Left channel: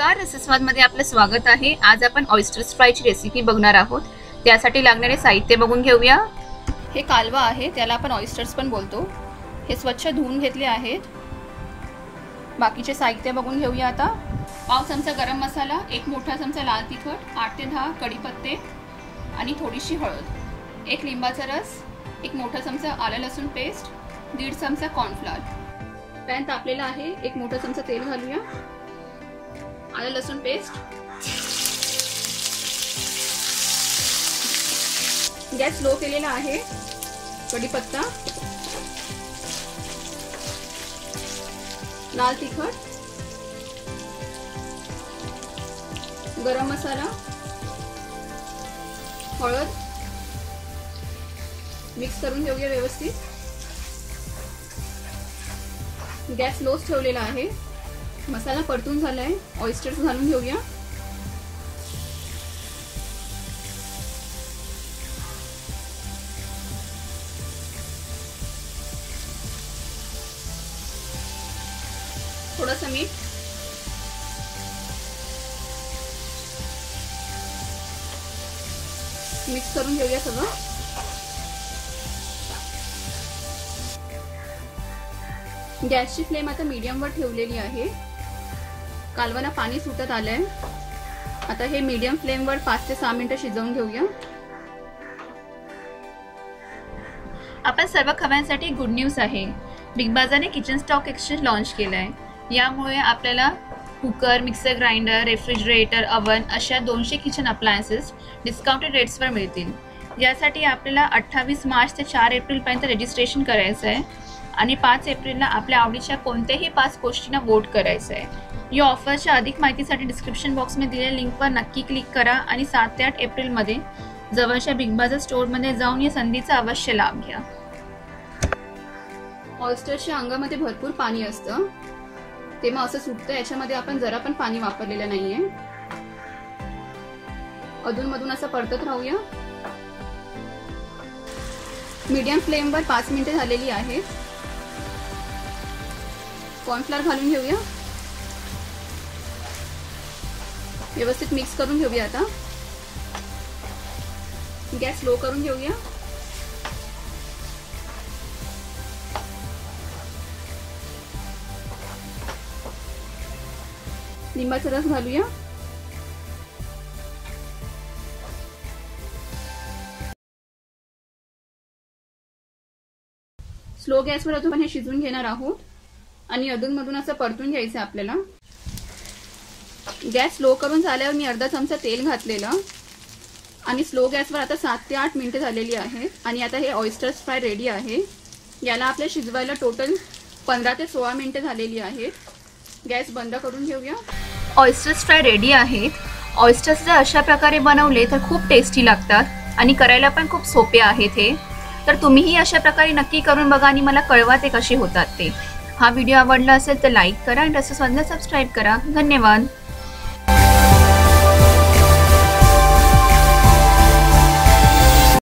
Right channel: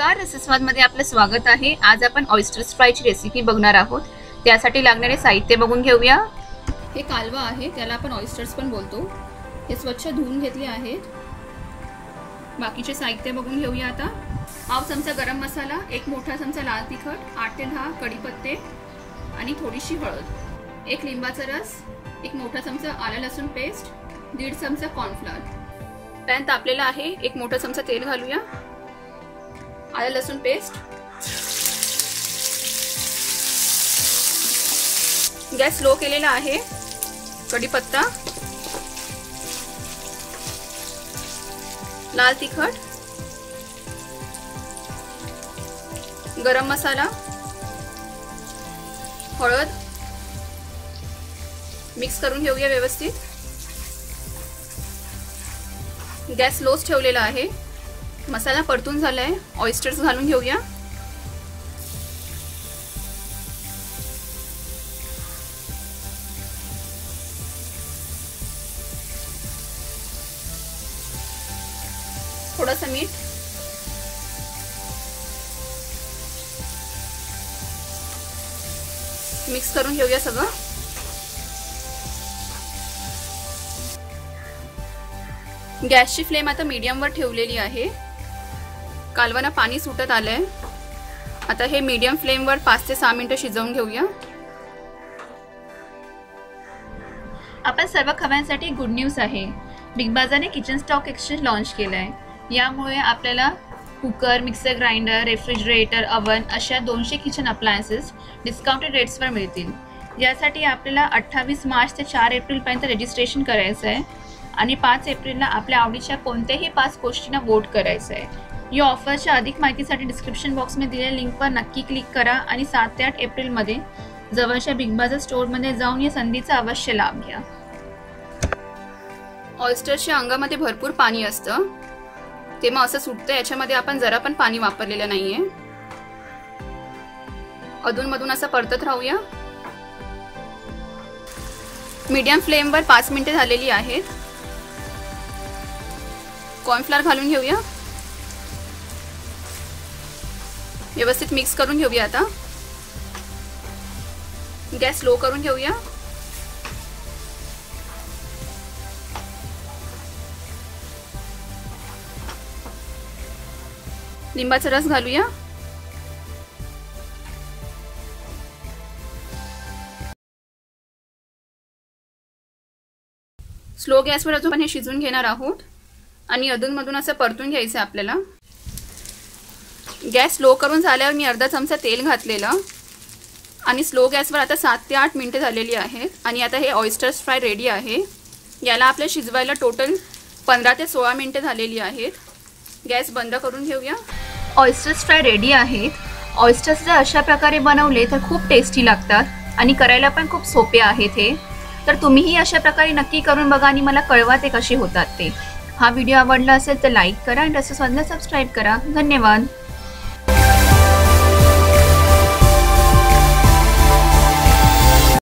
नमस्कार, रसस्वादमध्ये आपलं स्वागत आहे। आज आपण ऑयस्टर्स फ्रायची रेसिपी बघणार आहोत। त्यासाठी लागणारे साहित्य बघून घेऊया। हे कालवा आहे, त्याला आपण ऑयस्टर्स पण बोलतो। हे स्वच्छ धुवून घेतले आहेत। बाकीचे साहित्य बघून घेऊया आता। पाव चमचा गरम मसाला, एक मोठा चमचा लाल तिखट, 8 ते 10 कढीपत्ते आणि थोडीशी हळद, एक लिंबाचा रस, एक मोठा चमचा आलं लसूण पेस्ट, 1.5 चमचा कॉर्नफ्लोअर। पॅन तापलेला आहे, एक मोठा चमचा तेल घालूया। आलं लसूण पेस्ट, गॅस स्लो केलेला आहे। कढीपत्ता, लाल तिखट, गरम मसाला, हळद मिक्स करून घेऊया व्यवस्थित। गॅस स्लोच ठेवलेला आहे। मसाला परतून झालाय, ऑयस्टर्स घालून घेऊया। थोडंसं मीठ, मिक्स करून घेऊया सगळं। गॅसची फ्लेम आता मीडियम वर ठेवलेली आहे। कालवाना पाणी सुटत आलंय। आता हे मीडियम फ्लेम वर 5 ते 6 मिनिटं शिजवून घेऊया। आपण सर्व खव्यांसाठी गुड न्यूज आहे। बिग बाजारने किचन स्टॉक एक्सचेंज लॉन्च केलाय। यामुळे आपल्याला cooker, mixer grinder, refrigerator, oven अशा 200 किचन अप्लायन्सेस डिस्काउंटेड रेट्सवर मिळतील। यासाठी आपल्याला 28 मार्च ते 4 एप्रिल पर्यंत रजिस्ट्रेशन करायचं आहे आणि 5 एप्रिलला आपल्या आवडीच्या कोणत्याही 5 गोष्टींना वोट करायचं आहे। या ऑफरच्या अधिक माहितीसाठी डिस्क्रिप्शन बॉक्समध्ये दिलेल्या लिंकवर नक्की क्लिक करा आणि 7 ते 8 एप्रिलमध्ये जवळच्या बिग बाजार स्टोअरमध्ये जाऊन या संधीचा अवश्य लाभ घ्या। ऑयस्टरच्या अंगामध्ये भरपूर पाणी असतं, ते मग असं सुटतं। याच्यामध्ये आपण जरा पण पाणी वापरलेलं नाहीये। अधूनमधून असं परतत राहूया। मीडियम फ्लेमवर 5 मिनिटे झालेली आहेत। कॉर्नफ्लोअर घालून घेऊया, व्यवस्थित मिक्स करून घेऊया। आता गॅस स्लो करून घेऊया। लिंबाचा रस घालूया। स्लो गॅसवर अजून आपण हे शिजवून घेणार आहोत आणि अधूनमधून असं परतून घ्यायचं आहे आपल्याला। गॅस स्लो करून झाल्यावर मी अर्धा चमचा तेल घातलेलं आणि स्लो गॅसवर आता 7 ते 8 मिनिटे झालेली आहेत आणि आता हे ऑयस्टर्स फ्राय रेडी आहे। याला आपल्या शिजवायला टोटल 15 ते 16 मिनिटे झालेली आहेत। गॅस बंद करून घेऊया। ऑयस्टर्स फ्राय रेडी आहेत। ऑयस्टर्स जर अशा प्रकारे बनवले तर खूप टेस्टी लागतात आणि करायला पण खूप सोपे आहेत हे। तर तुम्हीही अशा प्रकारे नक्की करून बघा आणि मला कळवा ते कसे होतात ते। हा व्हिडिओ आवडला असेल तर लाईक करा आणि रसस्वादला सबस्क्राईब करा। धन्यवाद।